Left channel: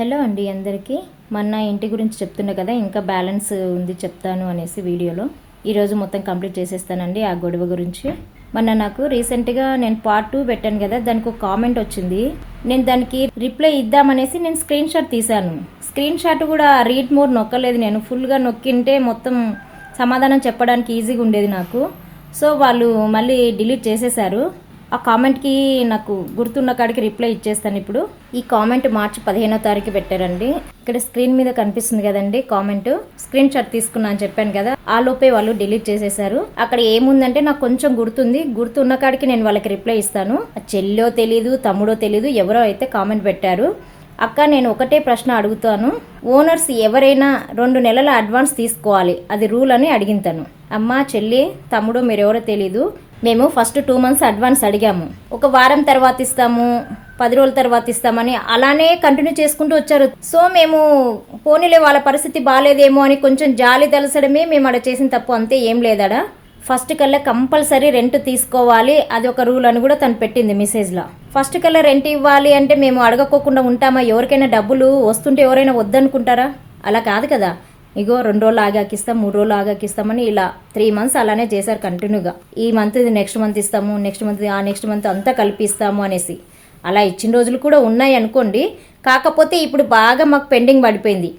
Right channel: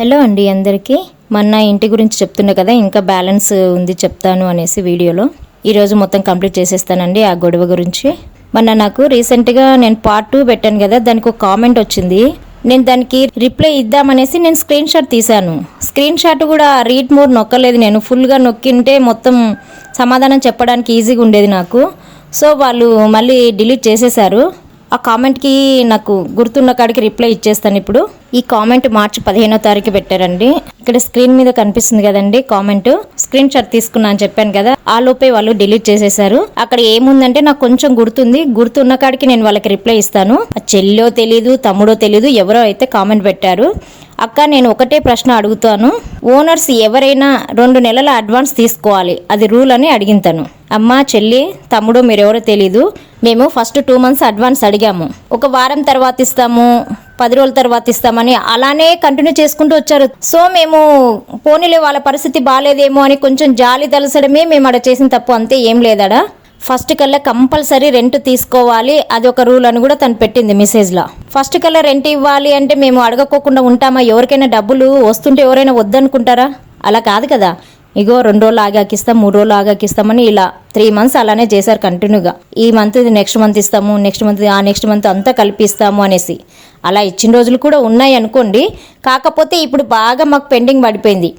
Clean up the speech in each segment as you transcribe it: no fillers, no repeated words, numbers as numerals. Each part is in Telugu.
హలో అండి అందరికీ. మొన్న ఇంటి గురించి చెప్తున్నా కదా, ఇంకా బ్యాలెన్స్ ఉంది చెప్తాను అనేసి వీడియోలో ఈరోజు మొత్తం కంప్లీట్ చేసేస్తానండి. ఆ గొడవ గురించి మొన్న నాకు రీసెంట్గా నేను పార్ట్ 2 పెట్టాను కదా, దానికి ఒక కామెంట్ వచ్చింది. నేను దానికి రిప్లై ఇద్దామనేసి నేను స్క్రీన్ షాట్ తీశాను. స్క్రీన్ షాట్ కూడా రీడ్ మోడ్ నొక్కలేదు. నేను ఫుల్గా నొక్కింటే మొత్తం సమాధానం చెప్పడానికి ఈజీగా ఉండేది నాకు. సో వాళ్ళు మళ్ళీ డిలీట్ చేసేశారు. ఆ కామెంట్కి నాకు గుర్తున్న కాడికి రిప్లై ఇచ్చేస్తాను. ఇప్పుడు ఈ కామెంట్ మార్చి 15వ తారీఖు పెట్టారండి. ఇక్కడ స్క్రీన్ మీద కనిపిస్తుంది కదండి కామెంట్. స్క్రీన్ షాట్ తీసుకున్నా అని చెప్పాను కదా, ఆ లోపే వాళ్ళు డిలీట్ చేసేశారు. అక్కడ ఏముందంటే నాకు కొంచెం గుర్తుంది. గుర్తున్న కాడికి నేను వాళ్ళకి రిప్లై ఇస్తాను. చెల్లో తెలీదు, తమ్ముడో తెలీదు, ఎవరో అయితే కామెంట్ పెట్టారు. అక్క, నేను ఒకటే ప్రశ్న అడుగుతాను. ఓనర్స్ ఎవరైనా 2 నెలల అడ్వాన్స్ తీసుకోవాలి, అది రూల్ అని అడిగింతాను. అమ్మ, చెల్లి, తమ్ముడు, మీరెవరో తెలీదు. మేము ఫస్ట్ 2 మంత్స్ అడ్వాన్స్ అడిగాము. ఒక వారం తర్వాత ఇస్తాము, 10 రోజుల తర్వాత ఇస్తామని అలానే కంటిన్యూ చేసుకుంటూ వచ్చారు. సో మేము పోనీలే, వాళ్ళ పరిస్థితి బాగాలేదేమో అని కొంచెం జాలి తలసడమే మేము అక్కడ చేసిన తప్పు, అంతే, ఏం లేదడా. ఫస్ట్ కల్లా కంపల్సరీ రెంట్ తీసుకోవాలి, అది ఒక రూల్ అని కూడా తను పెట్టింది మెసేజ్లో. ఫస్ట్ కల్లా రెంట్ ఇవ్వాలి అంటే మేము అడగకోకుండా ఉంటామా? ఎవరికైనా డబ్బులు వస్తుంటే ఎవరైనా వద్దనుకుంటారా? అలా కాదు కదా. ఇగో 2 రోజులు ఆగాకిస్తాం, 3 రోజులు ఆగాకిస్తామని ఇలా 3 మంత్స్ అలానే చేశారు కంటిన్యూగా. ఈ మంత్ నెక్స్ట్ మంత్ ఇస్తాము, నెక్స్ట్ మంత్ అంతా కలిపిస్తాము అనేసి అలా ఇచ్చిన రోజులు కూడా ఉన్నాయి అనుకోండి. కాకపోతే ఇప్పుడు బాగా మాకు పెండింగ్ పడిపోయింది.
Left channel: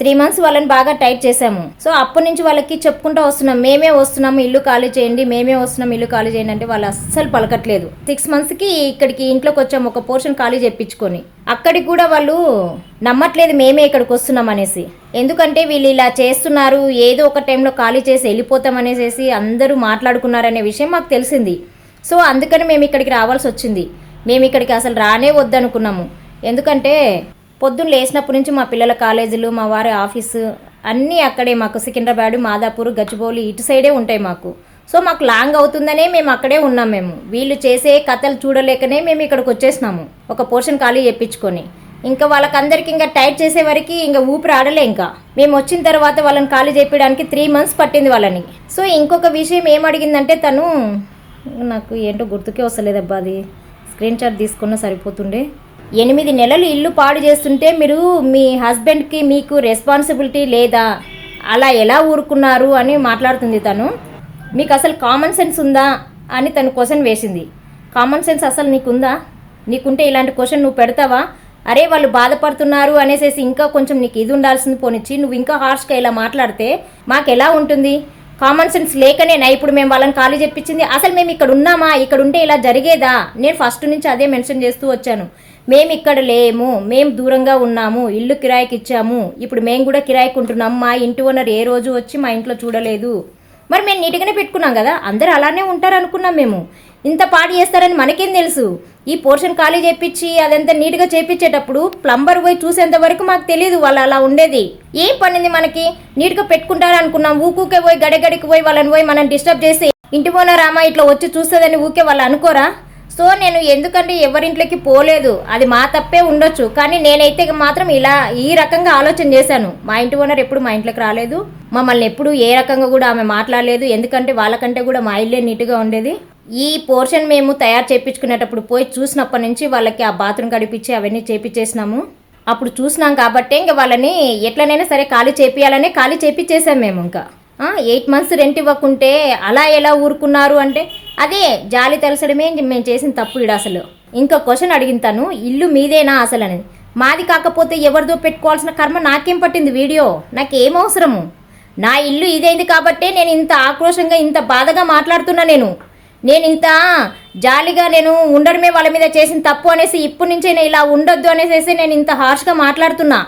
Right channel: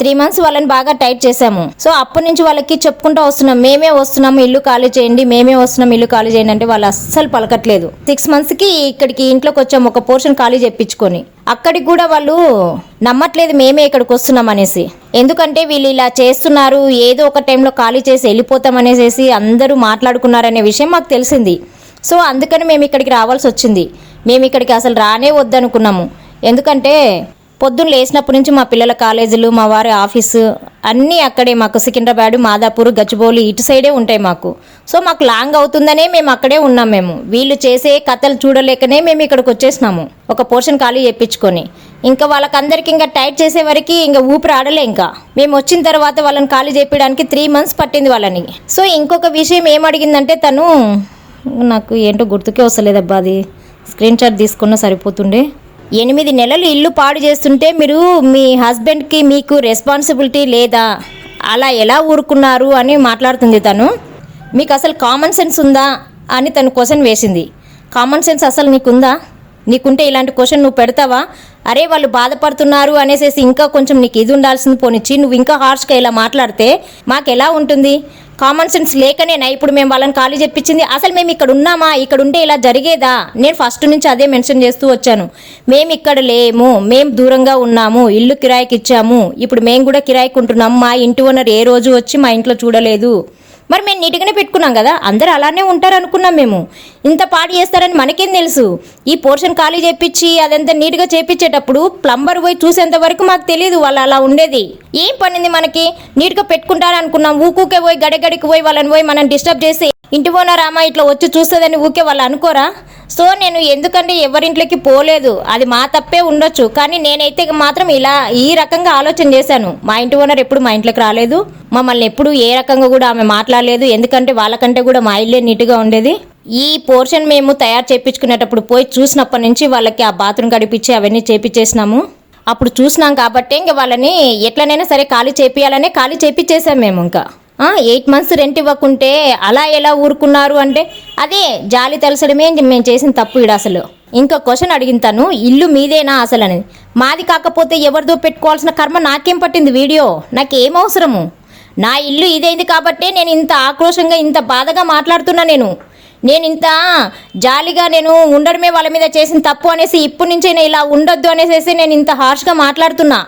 3 మంత్స్ వాళ్ళని బాగా టైట్ చేసాము. సో అప్పటి నుంచి వాళ్ళకి చెప్పుకుంటూ వస్తున్నాం, మేమే వస్తున్నాము ఇల్లు ఖాళీ చేయండి, మేమే వస్తున్నాం ఇల్లు ఖాళీ చేయండి అంటే వాళ్ళు అస్సలు పలకట్లేదు. 6 మంత్స్కి ఇక్కడికి ఇంట్లోకి వచ్చాము, ఒక పోర్షన్ ఖాళీ చెప్పించుకొని. అక్కడికి కూడా వాళ్ళు నమ్మట్లేదు మేమే ఇక్కడికి వస్తున్నాం అనేసి. ఎందుకంటే వీళ్ళు ఇలా చేస్తున్నారు, ఏదో ఒక టైంలో ఖాళీ చేసి వెళ్ళిపోతాం అనేసి అందరూ మాట్లాడుకున్నారనే విషయం మాకు తెలిసింది. సో అందుకని మేము ఇక్కడికి రావాల్సి వచ్చింది. మేము ఇక్కడికి అసలు రానే వద్దనుకున్నాము. ఎందుకంటే పొద్దున్న లేచినప్పటి నుంచి మా పిల్లల కాలేజీలు, మా వారి ఆఫీసు అన్నీ అక్కడే. మాకు సికింద్రాబాద్, మాదాపూర్, గచ్చిబౌలి ఇటు సైడే ఉంటాయి మాకు. సో మాకు లాంగ్ అవుతుందనే మేము అక్కడే ఉన్నాం. మేము వీళ్ళు చేసే కథలు చూడలేకనే మేము ఇక్కడికి వచ్చేసినాము, ఒక పోర్షన్ ఖాళీ చేయించుకొని. ఇంకా వాళ్ళకందరికీ ఇంకా టైట్ చేసే వరకు ఇంకా ఊపిరి ఆడలే. ఇంకా మేము వచ్చిన తర్వాత వాళ్ళని ఖాళీ చేయడానికి 3 మంత్స్ పట్టింది వాళ్ళని. సో ఇంకొక విషయం ఏమడిగిందంటే తను, నాకు ఏంటో గుర్తుకే వస్తలేదబ్బా, అది స్క్రీన్ షాట్ తీసుకున్నా సరిపోతుండే. 8 నెలలు ఇల్లు పాడు చేస్తుంటే మీరు మీ హస్బెండ్కి మీకు రెస్పాన్సిబిలిటీ లేదా? అలా ఎలా ఊరుకున్నారు అని మాట్లాడుతుంది తను. మీకు అసలు కామన్ సెన్స్ ఉందా అని తను క్వశ్చన్ వేసింది. కామన్ సెన్స్ అసలు నీకుందా? నీకుంటే ఇలాంటి క్వశ్చన్ నువ్వు పెడతావా? అరే వాళ్ళు బాధపడుతున్నారు అనేసి ఇంకా కొంచెం నీకు ఇది ఉండాల్సింది పోనిచ్చి నువ్వు ఇంకా హార్ష్గా ఇలా మాట్లాడితే మాకు ఎలా ఉంటుంది? కామన్ సెన్స్ లేకనేనా ఇప్పుడు మేము వాళ్ళని ఖాళీ చెప్పించింది? అసలు మేము ఇక్కడ ఉన్నామా? ఇక్కడ ఉంటే ఇలా జరిగేదా? నేను ఫస్ట్ నుంచి అదే మెన్షన్ చేస్తూ వచ్చాను. మేము ఇక్కడ లేము, మేము దూరంగా ఉన్నాము, ఇల్లు కిరాయికి ఇచ్చాము, ఇప్పుడు మేము కూడా కిరాయికి ఉంటున్నాము. మా ఇంటి ఓనర్ ఏ రోజు వచ్చి మా ఇంట్లో చూడలేదు. మరి మేము నీట్గానే పెట్టుకున్నాం కదా, అందరూ అలానే ఉంటారు అనుకున్నాం. మేము ఇంత పాడు చేస్తారని మనకేం తెలుసు? ఈ పోర్షన్ ఖాళీ చేపించి అదంతా నీట్గా చేపించేటప్పుడు ప్లంబర్ పోయి చూసేంత వరకు మాకు తెలియదు వాళ్ళు అలా ఉండేది. ఏం పనింది మనకి? నీట్గా పెట్టుకుంటారు అనుకున్నాం. ఊకే పోయి గడిగడికి పోయి వాళ్ళని పోయి మనం డిస్టర్బ్ చేసి ఇంటి ఓనర్ అమ్మ ఇట్లా వచ్చి చూస్తుందని ఊకే వాళ్ళు అనుకోరా? సో నేను ఎందుకంటే ఎవరింట్లోకి పోలేదు, అది మా తప్పే ఉండొచ్చు. కానీ నేనైతే మాత్రం ఇలా ఈ రకంగా ఆలోచన చేశాను. మా ఇంటి ఓనర్ ఎప్పుడు మా ఇంట్లోకి రాలేదు, మమ్మల్ని ఎప్పుడు ఏ రకంగా కూడా ఆమె మాట్లాడలేదు. ఎందుకంటే వాళ్ళకంటే కూడా మా ఇల్లే నీట్గా ఉండేది. ఈ పోర్షన్ మేము తయారు చేయించుకునేటప్పుడు పోయి చూసినప్పటి నుంచి వాళ్ళకి ఆ బాత్రూమ్ గడిపించి అవన్నీ చేపించేసినాము. అప్పుడు చూసినాం కాబట్టి ఇంకా వాళ్ళని ఎట్లనైనా సరే ఖాళీ చేపియాలనే ఖాళీ చేపించేసాం మేము. ఇంకా 8 మంత్స్ రెంట్ ఇవ్వకుంటే అలా ఎలా ఊరుకున్నారు అంటే అదే జాలి తలసడమే మేము చేసిన తప్పు. ఇడు అసలు ఇంకో క్వశ్చన్ అడిగింతాను, ఇల్లు మీదేనా అసలు అనేది. మాది కాకపోతే ఎవరిదో పెట్టుకోవాల్సిన కర్మ నాకేం పట్టింది? వీడియో నాకేం అవసరము? నా ఇల్లు ఇదేంది కాబట్టి నేను ఇంత ఆక్రోషంగా ఇంత బాధగా మాట్లాడుతున్నా. నేను ఇంత జాలిగా నేను ఉండడమే వాళ్ళ మీద చేసిన తప్పు అనేసి ఇప్పటి నుంచే నేను ఇలా ఉండొద్దు అనేసి నేను ఇంత హార్ష్గా మాట్లాడుతున్నా.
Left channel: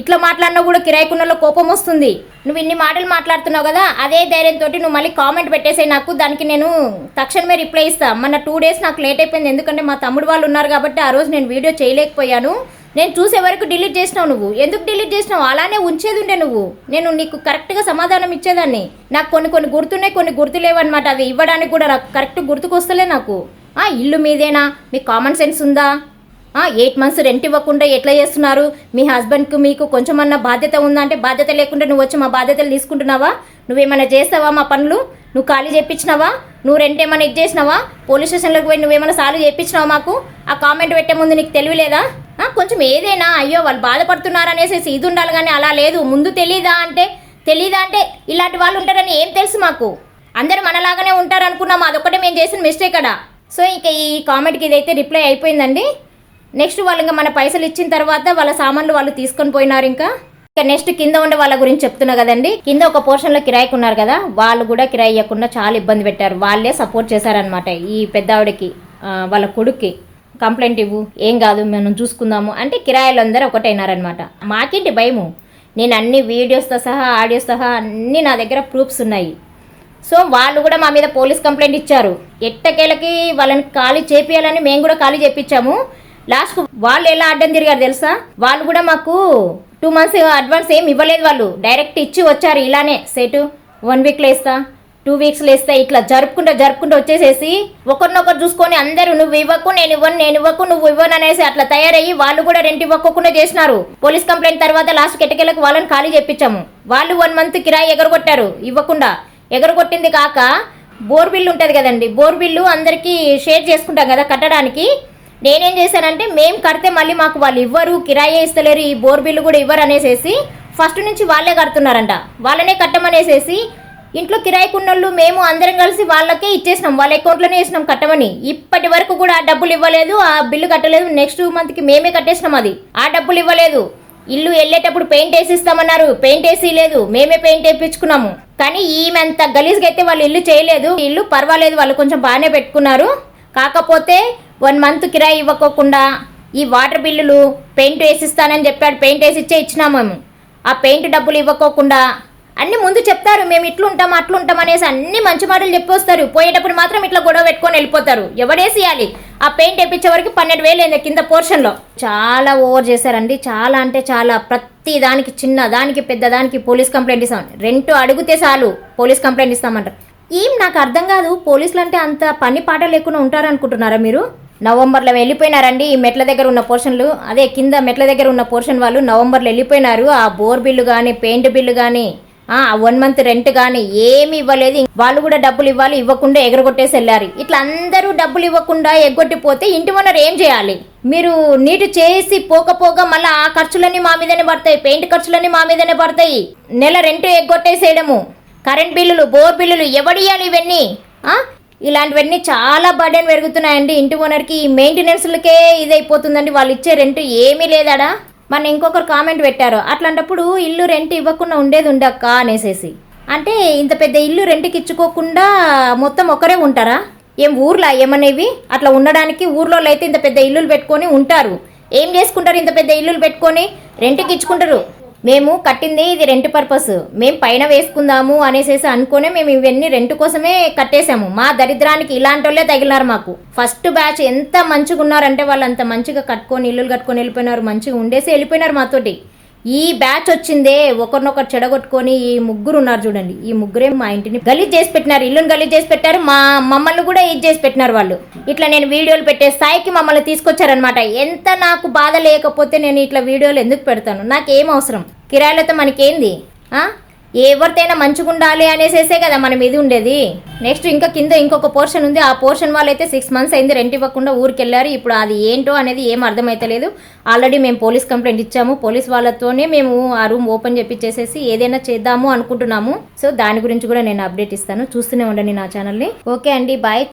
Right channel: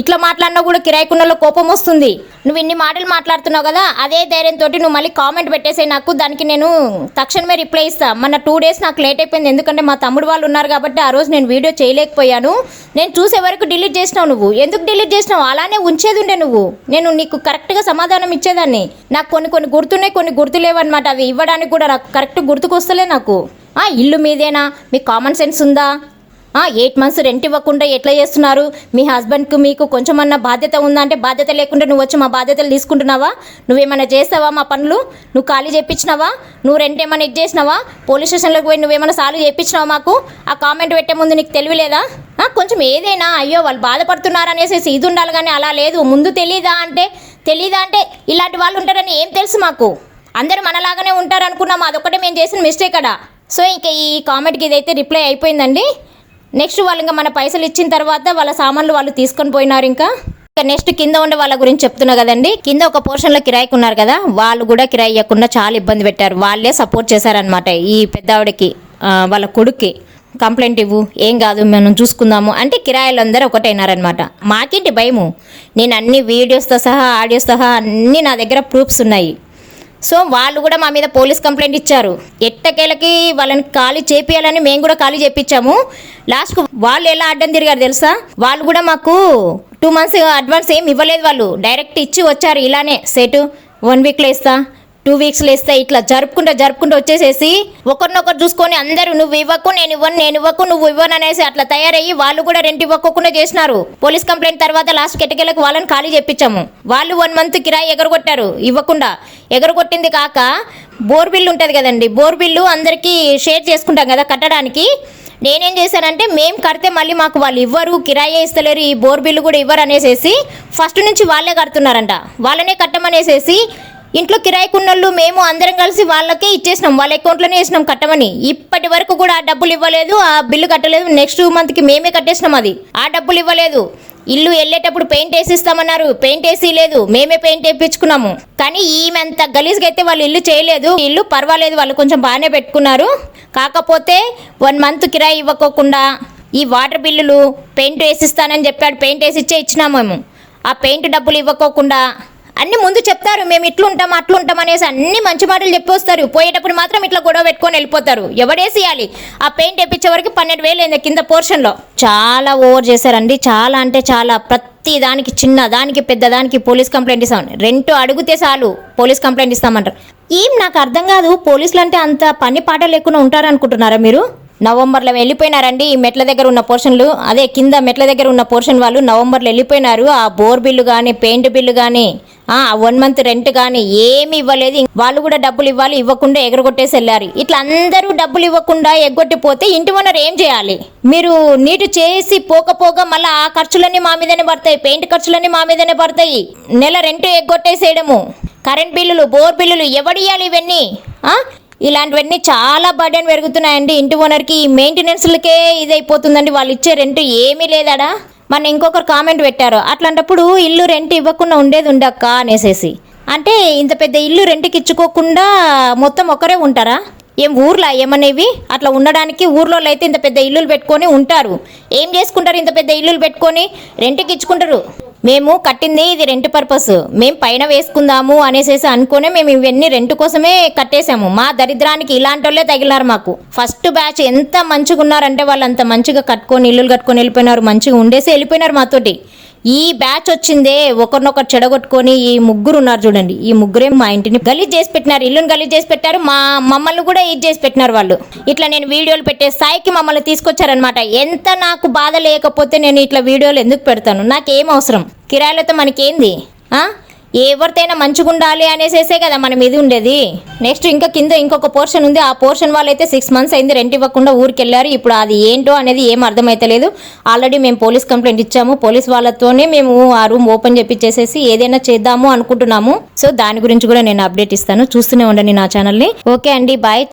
ఇట్లా మాట్లాడినా కూడా కిరాయికున్నలో కోపం వస్తుంది. నువ్వు ఇన్ని మాటలు మాట్లాడుతున్నావు కదా, అదే ధైర్యంతో నువ్వు మళ్ళీ కామెంట్ పెట్టేసే నాకు, దానికి నేను తక్షణమే రిప్లై ఇస్తా. మొన్న 2 డేస్ నాకు లేట్ అయిపోయింది, ఎందుకంటే మా తమ్ముడు వాళ్ళు ఉన్నారు కాబట్టి ఆ రోజు నేను వీడియో చేయలేకపోయాను. నేను చూసే వరకు డిలీట్ చేసినావు. నువ్వు ఎందుకు డిలీట్ చేసినావు? అలానే ఉంచేది ఉండే నువ్వు. నేను నీకు కరెక్ట్గా సమాధానం ఇచ్చేదాన్ని. నాకు కొన్ని గుర్తున్నాయి, కొన్ని గుర్తులేవన్నమాట. అవి ఇవ్వడానికి కూడా నాకు కరెక్ట్ గుర్తుకొస్తలే నాకు. ఇల్లు మీదేనా? మీకు కామన్ సెన్స్ ఉందా? 8 months రెంట్ ఇవ్వకుండా ఎట్లా చేస్తున్నారు? మీ హస్బెండ్కు మీకు కొంచెమన్నా బాధ్యత ఉందా అంటే బాధ్యత లేకుండా నువ్వు వచ్చి మా బాధ్యతలు తీసుకుంటున్నావా? నువ్వేమైనా చేస్తావా? మా పనులు నువ్వు ఖాళీ చేయించినావా? నువ్వు రెంట్ ఏమైనా ఇచ్చేసినావా? పోలీస్ స్టేషన్లోకి పోయి నువ్వేమైనా సాల్వ్ చేయించినావా? మాకు ఆ కామెంట్ పెట్టే ముందు నీకు తెలియలేదా? కొంచెం ఏదైనా అయ్యో వాళ్ళు బాధపడుతున్నారు అనేసి ఇది ఉండాలి, కానీ అలా లేదు. ముందు తెలీదా అంటే ఇలాంటి వాళ్ళు ఉంటారని ఏం తెలుసు మాకు? అందరూ మనలాగానే ఉంటారు అనుకున్నాము. అదొక్కటే మేము చేసిన మిస్టేక్ అడా. సో ఇంకా ఈ కామెంట్కి ఇదైతే రిప్లై అయిపోయిందండి. నెక్స్ట్ వాళ్ళు ఇంకా మన పైసలు ఇచ్చిన తర్వాత వాళ్ళ సామాన్లు వాళ్ళు తీసుకొని పోయినారు. ఇంకా నెక్స్ట్ కింద ఉండే వాళ్ళ గురించి చెప్తున్నా కదండి. కింద ఒక పోర్షన్లో కిరాయికి ఉన్నారు కదా, వాళ్ళు కూడా కిరాయి ఇవ్వకుండా చాలా ఇబ్బంది పెట్టారు. వాళ్ళే సపోర్ట్ చేశారనమాట ఈ పెద్దవాడికి, వాళ్ళ కొడుక్కి. కంప్లైంట్ ఇవ్వు, ఏం కాదు మనం చూసుకుందాము అంటే కిరాయిలు అందరూ ఒకటైనారనమాట. మాకేంటి భయము? నేను అన్ని వీడియోస్తో సహా ఆడియోస్ సహా అన్నీ నా దగ్గర ప్రూఫ్స్ ఉన్నాయి. సో వాళ్ళు కూడా మా మీద పోలీస్ కంప్లైంట్ ఇచ్చారు. ఎట్టకేలకి వాళ్ళని ఖాళీ చేపియాలని మేము కూడా ఖాళీ చేపించాము. లాస్ట్కు వాళ్ళు ఎలా అడ్డం తిరిగారు తెలుసా? వాళ్ళు కూడా మాకు 2 months అడ్వాన్స్ ఏం ఇవ్వలేదు. వాళ్ళు డైరెక్ట్ ఇచ్చి వచ్చారు. ఇలానే సెట్ 1 weekలో ఇస్తా, 2 weeksలో ఇస్తా, ఇట్లా జరుపుకుంటూ వచ్చేసేసి ఒకరినొకరు చూసుకొని అందరూ నువ్వు ఇవ్వకు నేను ఇవ్వకు నువ్వు ఇవ్వను అనేసి అట్లా తయారయ్యి వాళ్ళు కూడా రెంట్ ఇవ్వకుండా చేసినారు. పోలీస్ కంప్లైంట్ తర్వాత లాస్ట్ కెటకెళ్ళకు వాళ్ళని ఖాళీ చేపించాము. వాళ్ళు 1 month కిరాయి ఎగరగొట్టారు ఇవ్వకుండా. ఎగరగొట్టింది కాక బోర్ బిల్లు ఉంటుంది కదండి, బోర్ బిల్లు అందరికీ షేర్ చేసుకుంటాం కదా కట్టడానికి. నేనేం చేశానంటే మేము కడితే మళ్ళీ మాకు వాళ్ళు ఇవ్వరు, కిరాయి ఇస్తలేరు, ఈ బోర్ బిల్లు కూడా ఇవ్వరు అనేసి ఫస్ట్ నుంచి వాళ్ళే కడుతున్నారంట. వాళ్ళనే కట్టమనేసేసి ఇంట్లో కిరాయికున్నోళ్ళు మేము అందరం కలిసి వాళ్ళకి ఇచ్చేసినాం. వాళ్ళ అకౌంట్లోనే వేసినాం కట్టమని. ఇప్పటి వరకు కూడా ఆ డబ్బులు ఇవ్వలేదు, ఆ బిల్లు కట్టలేదు. నెక్స్ట్ మంత్కి మేమే కట్టేసినాం అది. ఆ డబ్బులు ఇవ్వలేదు. ఇల్లు వెళ్ళేటప్పుడు పెయింట్ వేసిస్తామన్నారు, పెయింట్ వేసి లేదు, మేమే పెయింట్ వేయించుకున్నాము. కానీ ఈమె అంత గలీజ్గా అయితే వాళ్ళు ఇల్లు చేయలేదు. ఇల్లు పర్వాలేదు, వాళ్ళు కొంచెం బాగానే పెట్టుకున్నారు. కాకపోతే 1 month కిరాయి ఇవ్వకోకుండా ఈ వాటర్ బిల్లులు పెయింట్ వేసిస్తానని చెప్పాడు, పెయింట్ వేసి ఇచ్చినాము మేము. ఆ పెయింట్ డబ్బులు ఇవ్వకోకుండా అన్ని ముందు చెప్తారు, మేము ఇట్లుంటాం అట్లుంటాం అనేసి అన్ని మంచి మాటలు చెప్పొస్తారు. పోయేటప్పుడు మాత్రం ఇట్లా గొడవ పెట్టుకొని వెళ్ళిపోతారు. ఎవడేసియాలి? ఆ పెయింట్ వేయించే వరకు 12,000 అయింది కింద పోర్షన్లో. చాలా ఓవర్ చేశారండి. చాలా అంటే చాలా. ప్రతి దానికి, చిన్న దానికి పెద్ద దానికి పోలీస్ కంప్లైంట్ ఇస్తాం. రెంట్ అడిగితే చాలు పోలీస్ కంప్లైంట్ ఇస్తామంటారు. నాకు అర్థం కాదు, పోలీసులు అంటే అంత పని పాట లేకుండా ఉంటారనుకుంటున్నారా మీరు? నవంబర్లో వెళ్ళిపోయినారండి ఈ మెట్ల దగ్గర ఉన్న పోర్షన్లు. అదే కింద మెట్ల దగ్గర ఉన్న పోర్షన్ వాళ్ళు నవంబర్లో వెళ్ళిపోయినారు. ఆ బోర్ బిల్లు కానీ పెయింట్ బిల్లు కానీ 1 month రెంట్ కానీ ఏమి ఇవ్వలేదు. వాళ్ళు కూడా డబ్బులు ఇవ్వాలి, ఇవ్వకుండా ఎగరగొట్టేసి వెళ్ళారు. ఇట్లా అందరూ డబ్బులు ఇవ్వకుండా ఎగ్గొట్టిపోతే ఇంటి ఓనర్ ఏం చేయాలి? మీరు నీటు చేసి పోకపోగా మళ్ళీ ఆ ఖర్చులన్నీ మా మీదనే పడతాయి, పెయింట్ ఖర్చులన్నీ మా మీదనే పడతాయి. నెల రెంట్ ఎగ్గొట్టేసేయడము, కరెంట్ బిల్లులు, బోర్ బిల్లులు ఎవడియాలి? ఇవన్నీ ఇలాంటివన్నీ చాలా బర్డెన్ పెరుగుతున్నాయండి ఇంటి ఓనర్కి. ఈ మెయింటెనెన్స్లకే ఇదైపోతుందండి. వాళ్ళు ఇచ్చే రెంట్ ఏమీ లేదాడా? మన ఇంకొకరు కామెంట్ పెట్టారు, అట్లాంటప్పుడు ఇల్లు రెంట్ ఇవ్వకుండా ఉండేది ఉండక్క అనేసేసి. అంటే ఇంత పెద్ద ఇల్లు రెంట్కి ఇచ్చుకోకుండా మొత్తం ఒకరే ఉంటారా? ఏం ఊర్లా ఏమనేవి? అట్లా ఉండడానికి ఊర్లో అయితే ఇంత పెద్ద ఇల్లులు పెట్టుకొని ఉంటారు. ఏం చేసుకుంటారు? ఇంత పెద్ద ఇల్లులు పెట్టుకొని రెంట్కి ఇచ్చుకుంటారు. మేము కట్టింది ఇది రెంట్ పర్పస్, మేము పైన వేసుకుందాము అనేసి అనుకునే మేము ఇవన్నీ రెంట్ కోసమే కట్టేసాము. మా దరిద్రానికి ఇలాంటి వాళ్ళే తగిలినారు మాకు. ఫస్ట్ బ్యాచ్ ఎంత మంచిగా ఉన్నారంటే వాళ్ళు అంత మంచిగా కట్టుకొని ఇల్లులు కట్టుకొని వెళ్ళిపోయినారు, మంచిగా ఉండేసి వెళ్ళిపోయినారు మాతోటి. ఈ బ్యాచ్ వచ్చిందే ఒకరినొకరు చెడగొట్టుకొని ఈ ముగ్గురు ఉన్నారు చూడండి. ఈ ముగ్గురే మా ఇంటిని గలీజ్ చేసి పెట్టినారు, ఇల్లుని గలీజ్ చేసి పెట్టారు, మమ్మల్ని కూడా ఇది చేసి పెట్టినారు వాళ్ళు. ఇట్లా నేను వీడియోలు పెట్టే స్థాయికి మమ్మల్ని తీసుకొచ్చారనమాట. ఎంత నాకు బాధ లేకపోతే నేను ఇట్లా వీడియోలు ఎందుకు పెడతాను? నాకేం అవసరం? కిరాయిలతో మనకేంది? ఎవరితైనా మంచిగా ఉండాలి అనేసేసే కదా మనం ఇది ఉండేది. నెక్స్ట్ ఇంకా కింద ఇంకొక పోర్షన్ ఉంది. ఆ పోర్షన్ వాళ్ళైతే 6 months అయింది రెంట్ ఇవ్వకుండా ఊరికి వెళ్ళారు. ఇప్పుడు అది ఏంటో అనేది ఏం అర్థమైతలేదు. ఆల్రెడీ మేము పోలీస్ కంప్లైంట్ ఇచ్చాము. పోలీస్ వాళ్ళతోనే మేము ఆ రూమ్ ఓపెన్ చేపించేసేసి ఏదైనా చేద్దాము అనుకుంటున్నాము. సో దాని గురించి కూడా నేను అప్డేట్ ఇస్తాను. చూస్తూనే ఉండండి నా ఛానల్ని. ఓకే అండి, బాయ్.